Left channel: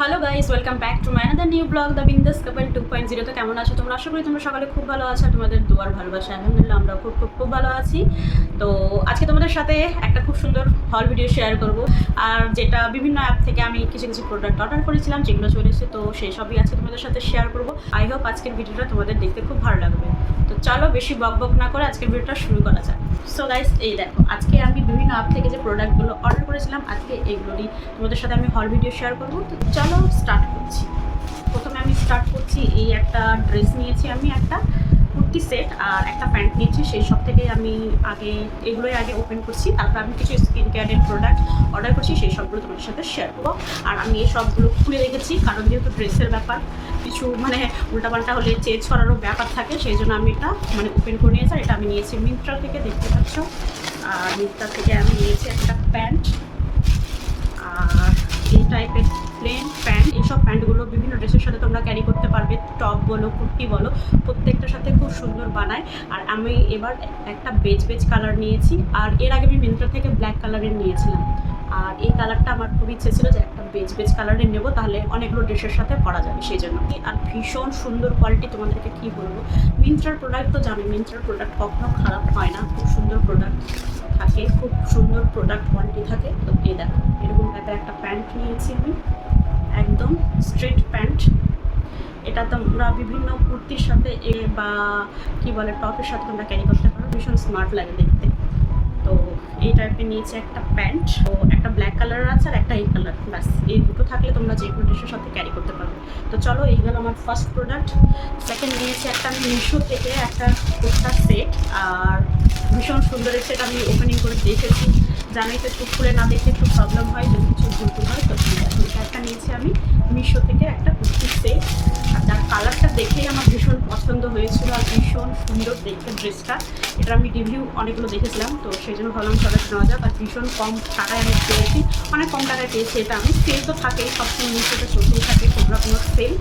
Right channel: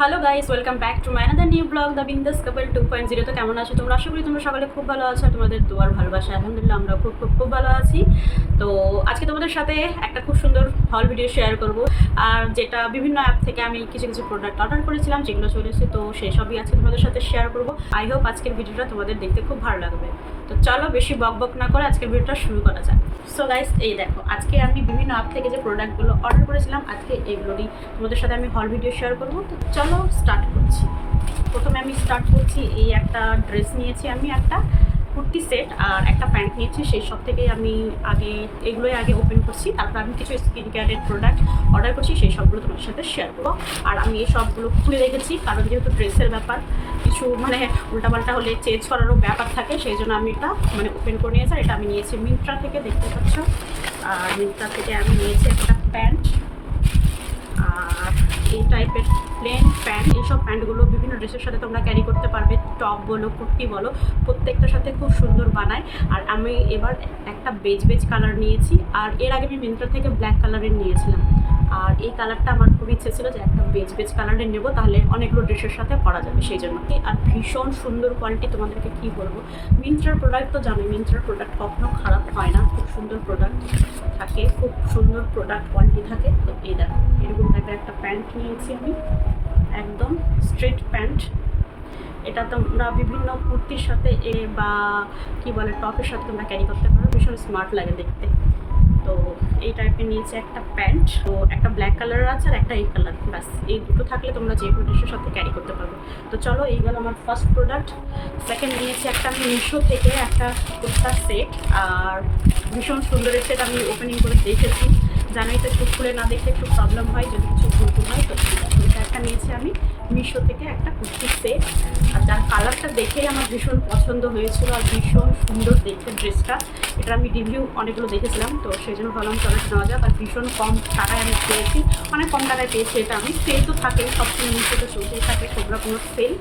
Hello guys, welcome back to my another new blog the বিন্দাস কাপল 2.0। তো কেমন আছো তোমরা? আশা করি তোমরা সকালে খুব ভালো আছো। তোমাদের দুয়ার ভালোবাসা আলহামদুলিল্লাহ আমরা খুব খুব খুব ভালো আছি। তো আজকে তোমাদের সাথে একটা খুব সুন্দর হল ভিডিও শেয়ার করব, আর যেটা বিভিন্ন অ্যাপ থেকে আমি কিছু কিছু প্রোডাক্ট অর্ডার করেছিলাম যেগুলো চলে এসেছে, তো সেই সবই আজকে তোমাদের সাথে শেয়ার করব। আই হোপ আজকের ভিডিওটা তোমাদের দেখতে খুব ভালো লাগবে। তো চলো বেশি বক বক না করে আজকের ভিডিওটা শুরু করা যাক। সো গাইস, এই দেখো আজকে আমি বিভিন্ন অ্যাপ থেকে যে প্রোডাক্টগুলো অর্ডার করেছিলাম আজকে এইগুলোরই তোমাদের সাথে আমি হল ভিডিও শেয়ার করবো। তো চলো স্টার্ট করছি। প্রথমে আমি স্টার্ট করছি, এই একটা ড্রেস নিয়েছি, আমি একটা কুর্তি সেট আর একটা প্যান্ট নিয়েছি। সেই সব থেকে আমি এগুলোই আগে ওপেন করছি, তারপর আমি কিছু স্কিন কেয়ারের প্রোডাক্ট অর্ডার করছি, সেই সবগুলো তোমাদের সাথে শেয়ার করবো। আর আমি এই সবগুলো খুলে রেখেছি, কারণ যেহেতু ড্রেসের ব্যাপার কিছু উল্টাপাল্টা হলে চেঞ্জ করারও ব্যাপার থাকে, সেই জন্য আমি এটা ওপেন করে নিয়েছি। আর এটা আমি নিয়েছি মিন্ত্রা থেকে, দেখতে পাচ্ছ। আর মিন্ত্রা থেকে আমি নিয়েছি একটা প্যান্ট, আর এই টাইপের প্লেন প্যান্ট। এইসব প্যান্টগুলো বিভিন্ন ড্রেসের সাথে তোমরা ক্যারি করতে পারবে, টপ বলো কুর্তি বলো, প্রত্যেকটার সাথে খুব সুন্দর বানায়। আর আমি এবার একটা বেজ কালার নিয়েছি, আর এর আগে আমি মিন্ত্রা থেকে ব্ল্যাক কালারের নিয়েছিলাম। আর এই কালারটা আমার খুব ইচ্ছে ছিল যে একটা বেজ কালারের নেবো, তাহলে অনেকগুলো ড্রেসের সাথে পরা যাবে, সেই জন্য। আর ভীষণ সুন্দর কোয়ালিটি, তোমাদেরকে কী বলবো, মিন্ত্রার প্রোডাক্ট তো জানি, মিন্ত্রার প্রোডাক্ট কখনো খারাপ হয় না, খুব সুন্দর প্রোডাক্ট থাকে, খুব সুন্দর প্রোডাক্ট কোয়ালিটি থাকে। তো এই দেখো এরকম টাইপের একটা প্যান্ট নিয়েছি আমি, একদম স্ট্রেট প্যান্ট। এটা তোমরা বিভিন্ন কুর্তির সাথে বা কী বলে টপের সাথে তোমরা ক্যারি করতে পারো, ভীষণ স্মার্ট লাগে দেখতে। তো এই টাইপের নিয়েছি একটা প্যান্ট, তো একটা ব্ল্যাক কালারের আছে আর একটা এই কালার, ব্যাস এই দুটো থাকলে তোমরা যে কোনো ড্রেসের সাথে ক্যারি করতে পারবে। তো চলো, এই গেল আমার ফার্স্ট প্রোডাক্ট। সেকেন্ড নিয়েছি একটা আমি মিশো থেকে একটা কুর্তার সেট, আর ভীষণ সুন্দরের সেট। আমি ওপেনিং করে দেখেছি, জানোই তো একটু খুলে না দেখলে একটু প্রবলেম হয় যদি কিছু ভুল হয়। তো এটা একটা নিয়েছি আমি মিশো থেকে একটা কুর্তির সেট, আর যার কালারটা দেখেই আমার ভীষণ পছন্দ হয়েছিল, আর ভীষণ সুন্দর দেখতে ড্রেসটা। এটা আমি রিভিউ অনেকগুলো দেখেছিলাম, তো সেই জন্য ভাবলাম চলো নেওয়া যাক। আর ভীষণ কম টাকায় আমি পেয়েছি, অনেক কম টাকায় পেয়েছি এটা আমি। সেল তো থাকেই, সবসময় মিশোতে চলতেই থাকে কোনো না কোনো সেল,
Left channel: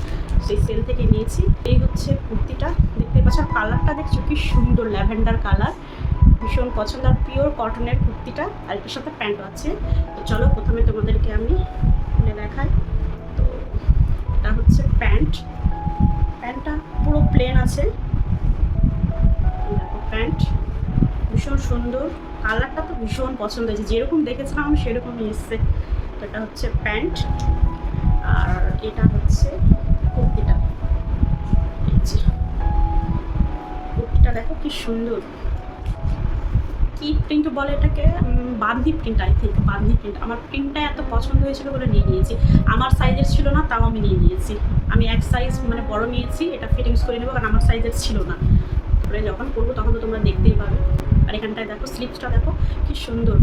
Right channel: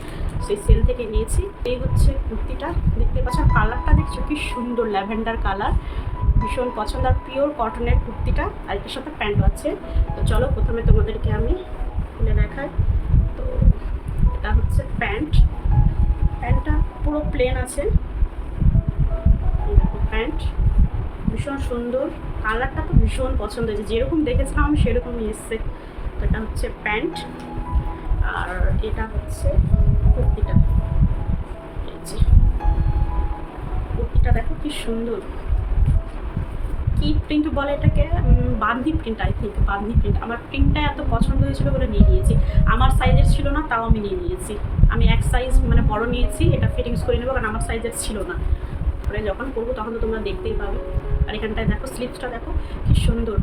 সেই সেল থেকে নিয়েছি। এই হচ্ছে কুর্তিটা, দেখতে পাচ্ছ কালারটা দেখছো কি সুন্দর, ল্যাভেন্ডার কালার, ভীষণ পছন্দ। আর পিওর কটনের কুর্তিটা, আর এটার সাথে প্যান্ট আছে। তো চলো প্রথমে তোমাদেরকে আমি খুলে দেখাই। তো এটা হচ্ছে প্যান্টটা পুরো প্লেন আছে, দেখো প্যান্ট ভীষণ সুন্দর, কালারটা তো ভীষণ পছন্দ হয়েছে, যেরকম দেখেছিলাম আমি সেরকমই এসছে। তো এটা হচ্ছে প্যান্ট, আর এটা হচ্ছে কুর্তিটা। এই যে কুর্তিটা দেখো কি সুন্দর, কি প্রিন্ট বলে এটাকে, bandhani print, I think bandhani print. আমার প্রিন্টটা এত পছন্দ হয়েছিল বলে নিয়ে নিয়েছি। আমার সাইজের ছিল না, তাও আমি নিয়ে নিয়েছি। আমি এক সাইজ বড় নিয়েছি, এটা ফিটিংস করে নেবো, কারণ আমার সাইজের ছিল না। পরে যখন করবো তখন তো তোমরা দেখতেই পাবে। আর এখানটায় দেখো স্লিপসটা দেখো কি সুন্দর,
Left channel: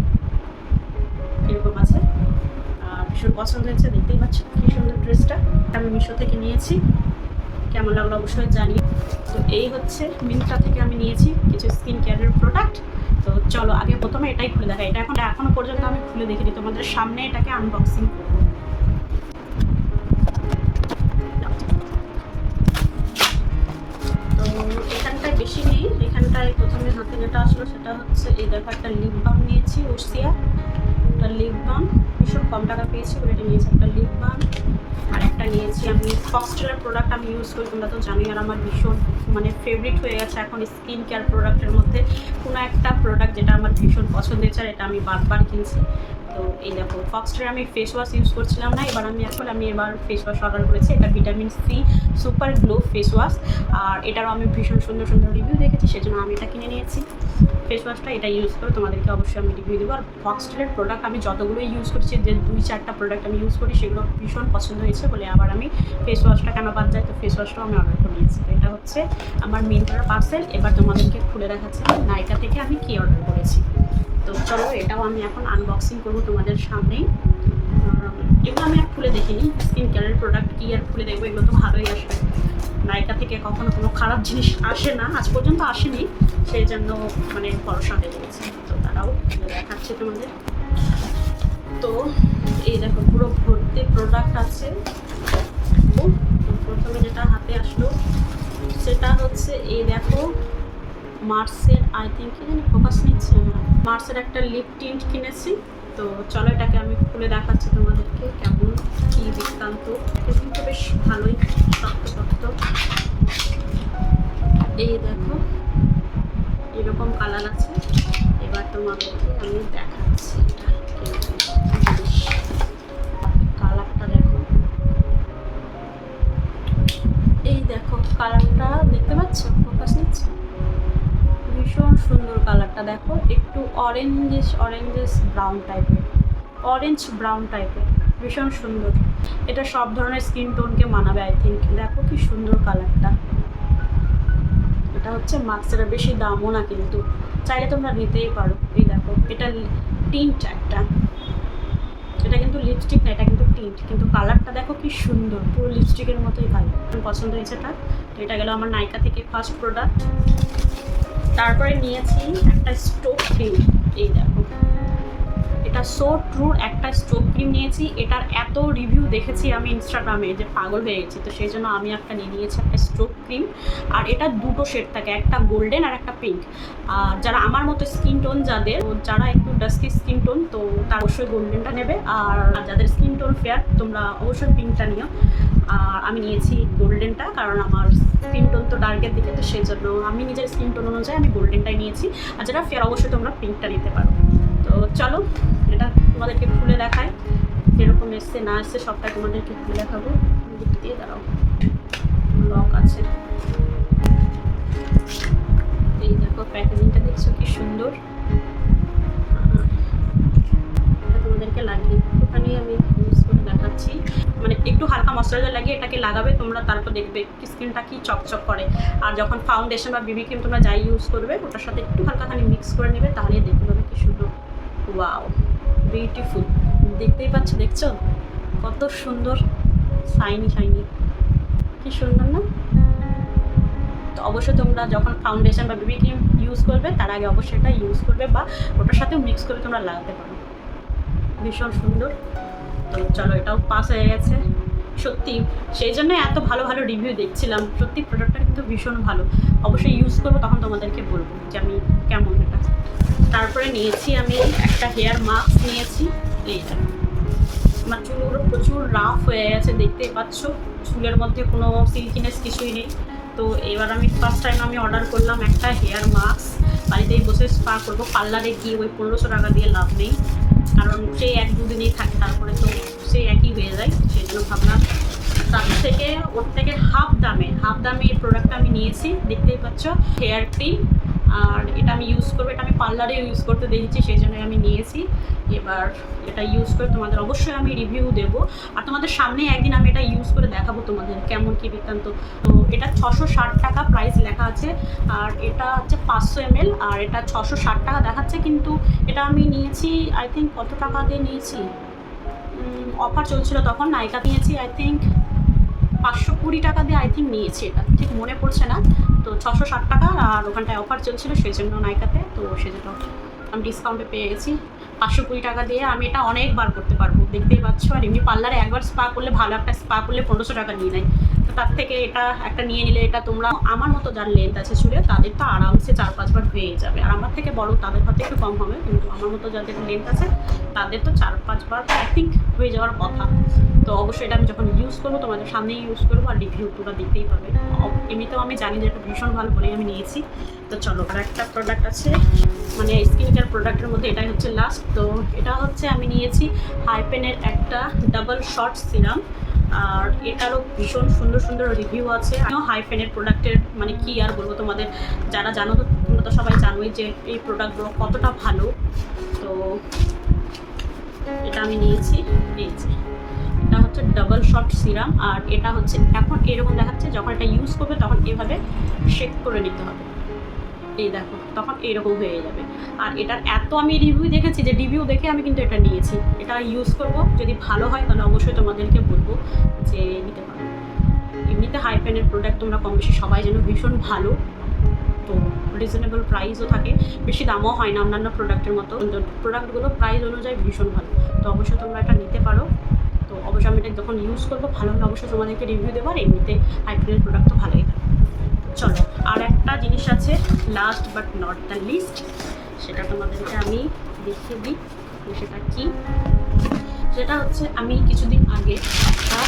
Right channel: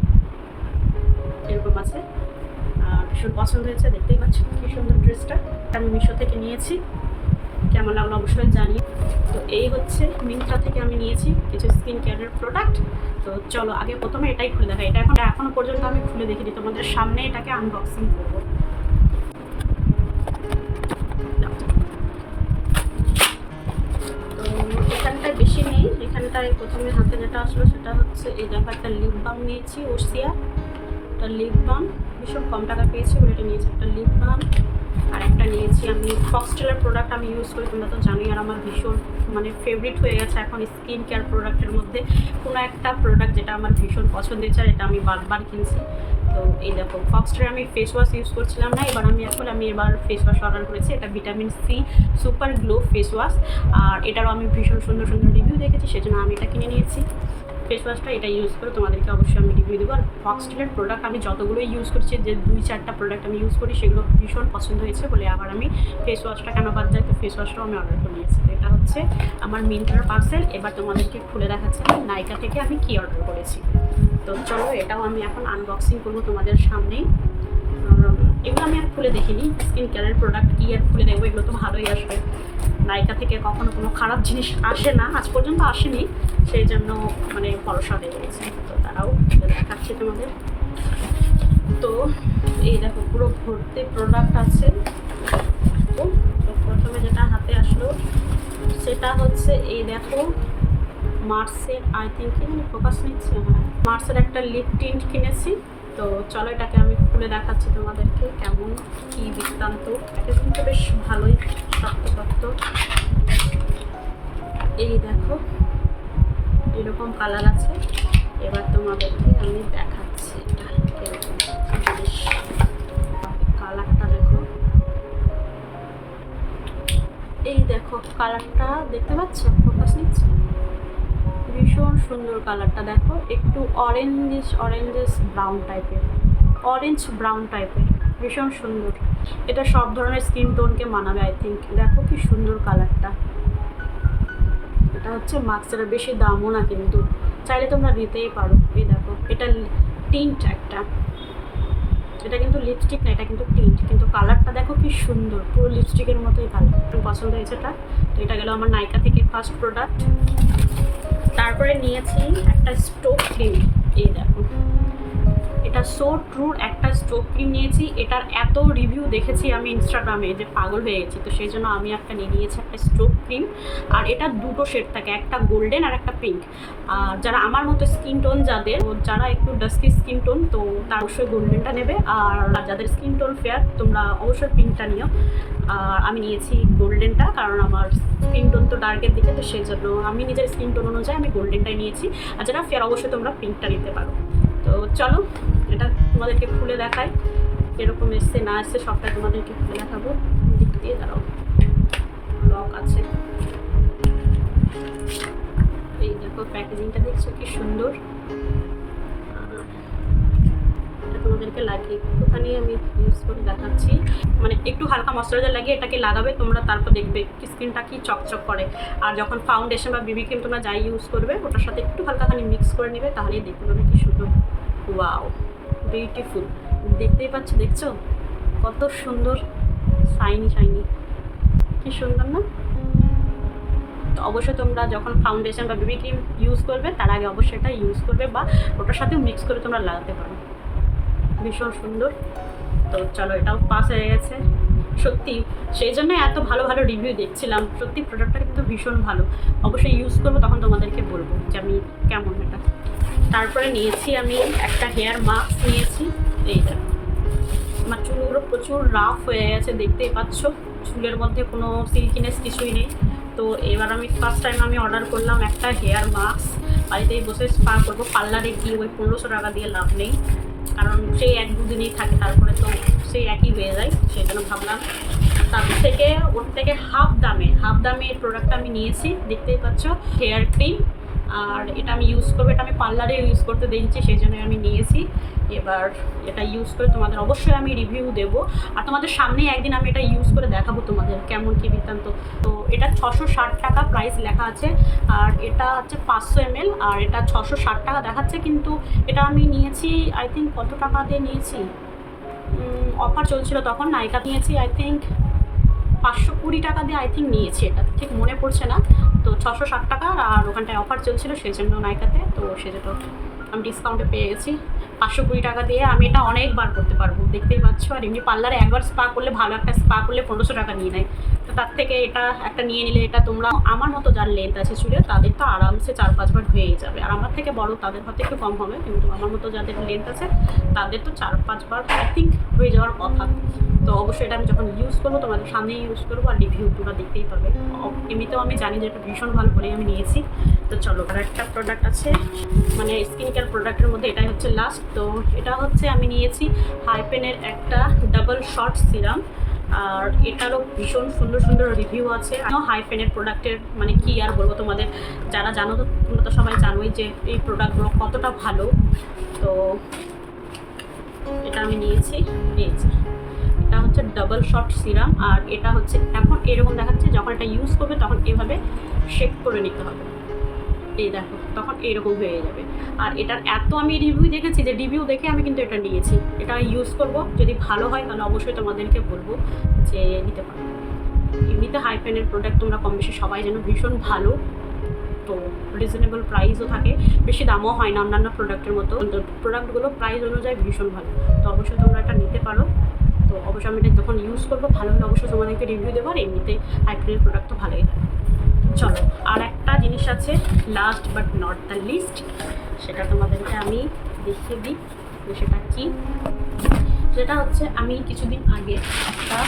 এরকম আছে। ভীষণ পছন্দ হয়েছে, দেখতেই পাচ্ছ কি সুন্দর ড্রেসটা। আমি মিশো থেকে নিয়েছি, কেমন লাগলো অবশ্যই জানি। তো এই হচ্ছে মিন্ত্রা থেকে আমি নিয়েছি কিছু স্কিন কেয়ারের প্রোডাক্ট। তো চলো আগে প্রথমে এটাই খুলে দেখাই। এটা এখনো পর্যন্ত আমি খুলে দেখিনি, তোমাদের সামনে এটাকে আনবক্সিং করবো। তো এখানটায় বেশি নেই, এখানটায় প্রথমে হাতে যেটা আসলো সেটা হচ্ছে এই দেখো একটা লিপ বাম নিয়েছি, ওসিয়া একটা লিপ বাম, ভীষণ কম টাকা পেয়েছি বলে এটা নিয়েছি একটা লিপ বাম। আর একটা নিয়েছি আমি ফক্সটেলের প্রোডাক্ট আমি ইউজ করি, তোমরা তো জানোই। আর আমার ভীষণ ফেভারিট হয়ে গেছে এখন স্কিন কেয়ার প্রোডাক্টের মধ্যে কোনো একটা প্রোডাক্ট যেটা আমার ভীষণ পছন্দের, আর এটা আমি বারবার কিনছি। তো এই দেখো ফক্সটেলের আমি ফেস ওয়াশ ইউজ করছিলাম না, আমি এবার ফেস ওয়াশ অর্ডার করেছি। এটা vitamin C super glow face wash, আর এটারও আমি ভীষণ সুন্দর সুন্দর রিভিউ দেখেছি, সেজন্য আমি এটা কিনে নিয়েছি। ফেস ওয়াশটা এটা ইউজ করে তোমাদেরকে অবশ্যই আমি রিভিউ দেবো। আর ফক্সটেলের প্রোডাক্ট আমি যতগুলো ইউজ করছি, যে 2-4টা প্রোডাক্ট আমি ইউজ করি, সেগুলো ভীষণ পছন্দ হয়েছে বলে আবার আমি ফেস ওয়াশটা কেন বাদ যায়, তো ফেস ওয়াশটাও আমি অর্ডার করে নিয়েছি। তো এটা হচ্ছে আমার মিন্ত্রার পার্সেল। এবার তোমাদেরকে খুলে দেখাচ্ছি আমি নাইকা থেকে আমি কী অর্ডার করেছি। তো চলো এটাও আমি এখন আনবক্সিং করবো তোমাদের সামনেই। এগুলো আমি আর খুলে দেখিনি, স্কিন কেয়ারের প্রোডাক্ট কি আর খুলে দেখবো, এগুলো তো ভালোই আসবে। নাইকা থেকে কখনো কোনো খারাপ জিনিস আসে না, আজ পর্যন্ত আসেনি, সেই জন্য ভরসা হয়ে গেছে। তো তারাও দেখাচ্ছে তোমাদের। তো এই দেখো পুরো ভর্তি প্রোডাক্ট আছে। তো প্রথমে যেটা হাতে আসলো সেটা হচ্ছে এই দেখো মার্সের, আই থিঙ্ক কি জানি ফোকাস নিচ্ছে, হ্যাঁ মার্সের একটা লিপ টিন্ট কিনেছি। তো চলো এটাকে আমি খুলে দেখাচ্ছি তোমাদেরকে কেমন কি বৃত্তান্ত। কিন্তু বেশ ভালোই শক্ত। এই দেখো এরকম কালার আছে। এবার তোমাদেরকে আমি দেখাচ্ছি এটা কিরকম জিনিস। কালারটা দেখো, এই দেখো কালারটা দেখতে পাচ্ছ, ফোকাস নিচ্ছে, ভীষণ সুন্দর কালারটা। দেখো একটু অরেঞ্জেস ব্রাউন টাইপের, অরেঞ্জ ব্রাউন টাইপের, ভীষণ সুন্দর। এটা সব ধরনের স্কিন টোনকে মানাবে আই থিঙ্ক। দেখো কি সুন্দর কালারটা। এটা হচ্ছে মাস্কের, বেশি দামও না কিন্তু, চাইলে তোমরা নিতেই পারো। এই দেখো এটা টিন্ট একটা, এটা কিন্তু লিপস্টিক না, এটা কিন্তু টিন্ট, কিন্তু কালারটা দেখো কি সুন্দর, পুরো লিপস্টিকের মতোই কালার। পছন্দ হয়েছে এটা। তো এটা গেল আমার নাইকা থেকে ফার্স্ট প্রোডাক্ট। তারপরে নিয়েছি একটা স্টোভ ক্রিম। এই দেখো এটা সো ট্রুর একটা স্টোভ ক্রিম নিয়েছি। এটার এত রিভিউ দেখেছি আমি ইনস্টাগ্রামে যে পাগল হয়ে গেছি। তো সেই জন্য আমি একটা নিয়ে নিয়েছি একটা স্টোভ ক্রিম। আর এটা দুটো শেড থাকে, একটা গোল্ডেন আর একটা পিঙ্ক। আর যারা আমার মতো স্কিন টোন যারা একটু ডাস্কি স্কিন টোন, তো তারা অবশ্যই গোল্ডেনটা নেবে। আর যাদের স্কিন টোন ফেয়ার তোমরা অবশ্যই পিঙ্কটা নিও। আর আমি নিয়েছি গোল্ডেনটা, কারণ আমার স্কিন টোন তো ডার্কের দিকে, তো সেই জন্য আমি নিজের স্কিন টোন অনুযায়ী আমি গোল্ডেনটাই নিয়েছি। আর যারা ফেয়ার অবশ্যই তোমরা পিঙ্কটা নিতে পারো। তো চলো এটা তোমাদেরকে খুলে দেখাই কীরকম এসছে না এসছে, সবটাই তোমাদেরকে খুলে দেখাবো। দিক দিয়ে দাঁড়াও, লক আছে। এই দেখো প্যাকেজিংটা দেখছো কি সুন্দর। এটা তোমাদেরকে লাগিয়ে একটুখানি আমি ইউজ করে দেখাচ্ছি। মানে একটু হালকা ময়শ্চারাইজার লাগিয়ে এটাকে লাগাবে তোমরা, তারপর দেখবে স্কিনটা কি চকচক করে। আর যখন ফাউন্ডেশন বা বিবি ক্রিম তোমরা যাই ইউজ করবে ওটার সাথে একটু হালকাখানি মিক্স করে নেবে, তাহলেই দেখতে পাবে কি সুন্দর। Wow, beautiful. দেখতেই পাচ্ছ, দেখছো কত সুন্দর শাইনি, কি সুন্দর না? তো অবশ্যই তোমরা যখন ফাউন্ডেশন বা বেবি ক্রিম ইউজ করবে তার আগে অবশ্যই এটা ইউজ করবে, বা ওটার সাথেও মিক্স করে তোমরা লাগাতে পারো। ভীষণ সুন্দর। তো চলো এটাও পাস হয়ে গেছে। সত্যি সেই জন্য এত ভালো রিভিউ দেখছিলাম। সত্যি প্রোডাক্টটা কিন্তু ভীষণ ভালো। অবশ্যই ইউজ করবো, তখন তোমাদেরকে বলবো যে আমি কেমন এটা। তারপরে নিয়েছি আমি একটা হেয়ার মাস্ক নিয়েছি। এইটা আমার চুলগুলো প্রচুর রাফ হয়ে গেছে, দেখতেই পাচ্ছ, চুলের মধ্যে কোনো সিল্কিনেস কিছুই নেই। তো এবার আমি ফার্স্ট টাইম আমি অর্ডার করলাম একটা হেয়ার মাস্ক। বাড়িতেই বসে স্পা করবো, পার্লারে গিয়ে ওই 1500 টাকা দিয়ে লাভ নেই, কারণ সেই 1-2 দিনেই থাকে, তারপরে তো সেই একই হয়ে যায়। সেই জন্য ভাবলাম ওর থেকে হাফ দামে এই প্রোডাক্টটা আমি নিয়েছি। দেখতেই পাচ্ছ হেয়ার ক্রিম। আর এটা আমি ইউজ করবো, এটা আমি পার্লারে ইউজ করতে দেখেছি, সেই জন্যই আমি নিয়েছি। এবার এটা ইউজ করে তোমাদের অবশ্যই আমি রিভিউ দেবো। আর তোমাদের সামনেই একদিন আমি এটা ইউজ করে দেখাবো তোমাদের কেমন কী বৃত্তান্ত। তো এটা 660 টাকা প্রাইস লেখা আছে, আর এটা হচ্ছে 500 ml, আর এটা 660 টাকা দেখাচ্ছে। কিন্তু এটা আমি নিয়েছি আই থিঙ্ক কত টাকা দিয়ে নিয়েছি, অফার চলছিল তখন, নাইকা নিয়েছি আই থিঙ্ক 520 টাকা দিয়ে আই থিঙ্ক নিয়েছি, এটা ঠিক মনে পড়ছে না। তো 660 টাকা, আর ওখানটায় অফার চলছিল সেই জন্য নাইকাতে, তো সেজন্য আমি ডিসকাউন্টে পেয়ে গেছি 520 টাকা দিয়ে। আমি এটা অনেকবার করতে পারবো, দেখতেই পাচ্ছ। আর এমনি পার্লারে একবার স্পা করলে, ভালো একটা স্পা করলে 1500 টাকা নিয়ে নেয়। তো তার থেকে এটা একটা নিয়ে নিলে, এটা তোমরা আমার মতো যার লেন্থ আছে চুলে তাদের তো আরামসে 4-5 বার হয়েই যাবে। আর আমার থেকে বড় তাদের হয়তো একটু কম হবে, কিন্তু আমার মতো যাদের লেন্থ আছে তাদের তো 4-5 বার আই থিঙ্ক হয়ে যাওয়ার কথা। তো অবশ্যই এটা আমি যখন ইউজ করবো তোমাদের সামনেই ইউজ করবো, আর রিভিউ তোমরা দেখতেই পাবে। এমনিতেও আমি জানি যে এটা ভীষণ ভালো বলেই আমি নিয়েছি। তো চলো, আর একটা প্রোডাক্ট আছে, মানে স্কিন কেয়ার প্রোডাক্টের মধ্যে এটাই হচ্ছে লাস্ট। তো এটা হচ্ছে আমি নিয়েছি হাইপেনের একটা ডাবল শট সিরাম। আর এটারও ভীষণ সুন্দর রিভিউ আছে। হাইপেনের প্রোডাক্টের মানে কি আর বলবো তোমাদের, যারা জানো তো তোমরা তো সবাই জানোই যে এই প্রোডাক্টগুলো কতটা ভালো। তো এটা আমি নিয়েছি, এটা হচ্ছে ডাবল শট সিরাম। আর এটা হচ্ছে এখন এরকম দেখাচ্ছে, যখন এটা ইউজ করবে তখন এভাবে শেক করে নিতে হবে। এই দেখো তখন এইরকম হয়ে যাবে। আর এটার এত আমি রিভিউ দেখেছি যে রিভিউ দেখে আমি কিন্তু এটা নিয়েছি। এটা ইউজ করব, যদি ভালো হয় তাহলে অবশ্যই তোমাদেরকে বলবো যে নিতে পারো। এমনিতে হাইপেনের প্রোডাক্ট তোমরা কম বেশি সবাই যেন ভীষণ ভালো। তো রিজনেবল প্রাইসও থাকে, বেশি দামও হয় না অন্যান্য প্রোডাক্টের মতো। প্রোডাক্টগুলো প্রাইস অনুযায়ী ভীষণ ভালো। তো অবশ্যই তোমরা এটা নিতে পারো। তো অবশ্যই আমি এটা যখন ইউজ করবো ভালো হলে অবশ্যই তোমাদেরকে রিভিউ দেবো। আর এমনিতে হাইপেনের প্রোডাক্ট তো ভালোই হয়। চলো, আর একটা জিনিস আছে last but not the least, সেটা তোমাদেরকে আমি দেখিয়ে দিই। সেটা কি, সেটা হচ্ছে আমি কিছুদিন আগে একটা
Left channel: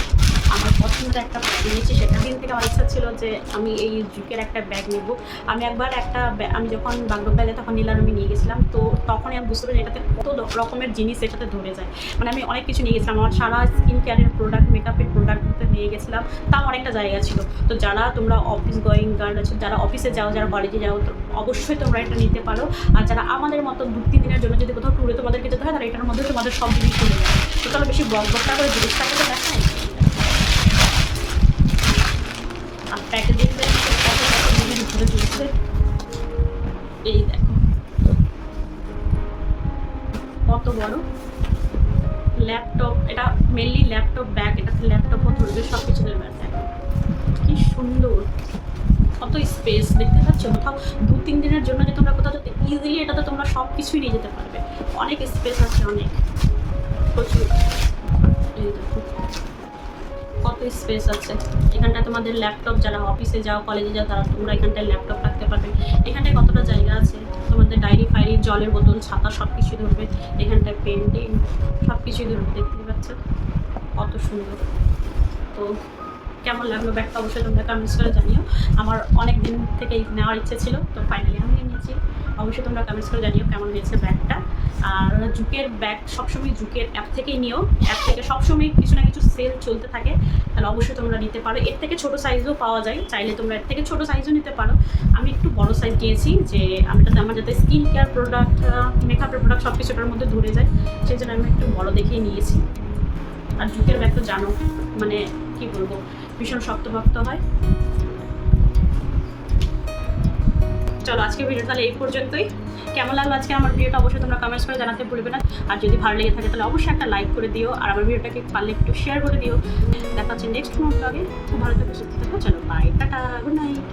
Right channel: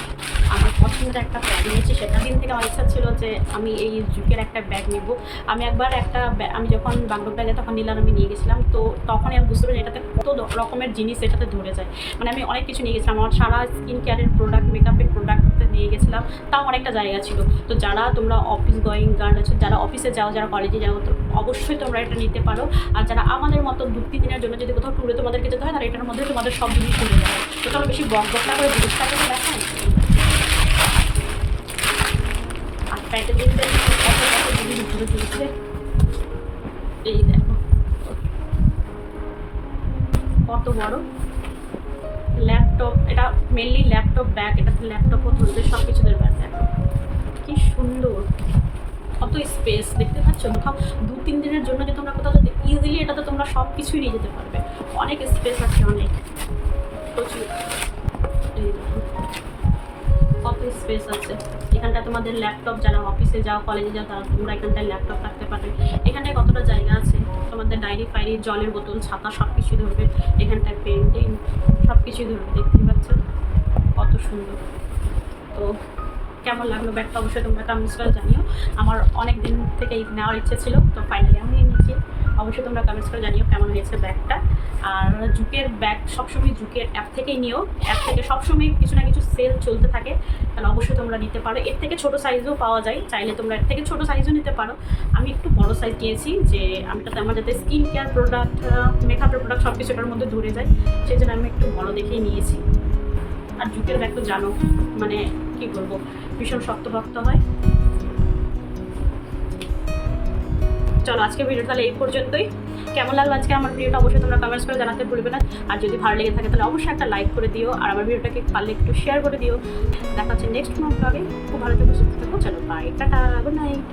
আমার পছন্দের একটা ব্যাগ নিয়েছি। সেটা দিন থেকে আমার ইচ্ছা ছিল যে আমি এই জুকের একটা ব্যাগ নেব। আমি একবার আমি যখন বাগডোগরা যাই তখন নীলার আমি নিয়ে গেছিলাম, তো তখনই আমি বুঝতে পারি এটাতে কত রকমের জিনিস এটাতে ধরে যায়। মানে আমি অনেক কিছু নিয়ে গেছিলাম, আমার সারা স্কিন কেয়ারের প্রোডাক্ট, মেকআপের প্রোডাক্ট নিয়ে গেছিলাম, তাও অনেকটা জায়গা ছিল। তো যারা তোমরা অফিস গোয়িং গার্ল আছে, যারা অফিসে যাও, যারা কলেজে যাও, তো অবশ্যই তোমরা এটা নিতে পারো। আর যারা আমাদের মতো 2-3 দিনের জন্য যদি কোথাও ট্যুরে তোমাদেরকে যেতে হয়, তাহলে এটার মধ্যে তোমাদের সব জিনিস চলে যাবে। তো চলো বেশি বকবকটা করে জিনিসটাকে তো দেখাই। আর প্যাকেজিংটা কত কত জিনিস ঘুরে চলছে, এই দেখো কত বড় ল্যাপটপ। এটা মেনলি ল্যাপটপ ব্যাগ, এটাতে ল্যাপটপও ধরবে, সব কিছু ধরবে। দেখো কি সুন্দর, কত স্পেস দেখতে পাচ্ছ। কোথাও 2-3 দিনের জন্য যে তোমরা কোথাও যদি ইজিলি এটাতে তোমরা সব কিছুই নিয়ে যেতে পারবে, অনেক স্পেস আছে, অনেক প্রচুর। এই দেখো কত স্পেস আছে এখানটায়। তোমাদের ল্যাপটপ, যারা অফিসে যাও, কলেজে যাও, তারা তোমরা এখানটায় ল্যাপটপ রাখতে পারবে। এখানটায় কতটা জায়গা আছে, তোমাদের ডায়েরি ফাইরি, জলের বোতল, ছাতা সব কিছুই ধরবে। এখানটায় পেন্টিং সব কিছুই ধরবে, দেখতেই পাচ্ছ কত সুন্দর। তো কেমন লাগলো ব্যাগটা অবশ্যই তোমরা কমেন্টস করে জানিও। আমার অনেক দিন থেকেই নেওয়ার ইচ্ছে ছিল, তো ফাইনালি আমি নিয়েছি। অবশ্যই তোমরা কমেন্টস করে জানিও কেমন হয়েছে ব্যাগটা। আর জুকের ব্যাগ সবসময় জুকের অ্যাপ থেকেই নিও, অ্যাপ থেকে সবসময় কিছু না কিছু সেল চলতে থাকে, তাহলে অবশ্যই তোমরা নিতে পারো। এর থেকে ছোটো সাইজও পাওয়া যায়, চাইলে তোমরা এর থেকে ছোটো সাইজও নিতে পারো। আমি একটু বড় সাইজ নিয়েছি, যে আমার যাতে স্কিন কেয়ার প্রোডাক্ট, মেকআপের প্রোডাক্ট সব কিছু এটার মধ্যে ধরে যায়, সেই জন্য আমি একটু বড় দেখেই নিয়েছি। আর জুকের ব্যাগ তো জানো, মানে কি বলবো, ভীষণ শক্তভক্ত হয়। চলো আজকে ভিডিও তাহলে এই পর্যন্তই। কেমন লাগলো আজকে আমার ভিডিওটা অবশ্যই তোমরা কমেন্টস করে জানাতে ভুলবে না। আর যদি ভালো লেগে থাকে তাহলে অবশ্যই একটা লাইক করে দিও, আর আমার ভিডিওটাকে পারলে একটু শেয়ার করে দিও। দেখা হচ্ছে নেক্সট ব্লগে। খুব ভালো থেকো, সুস্থ থেকো। চলো বাই, টাটা, গুড নাইট।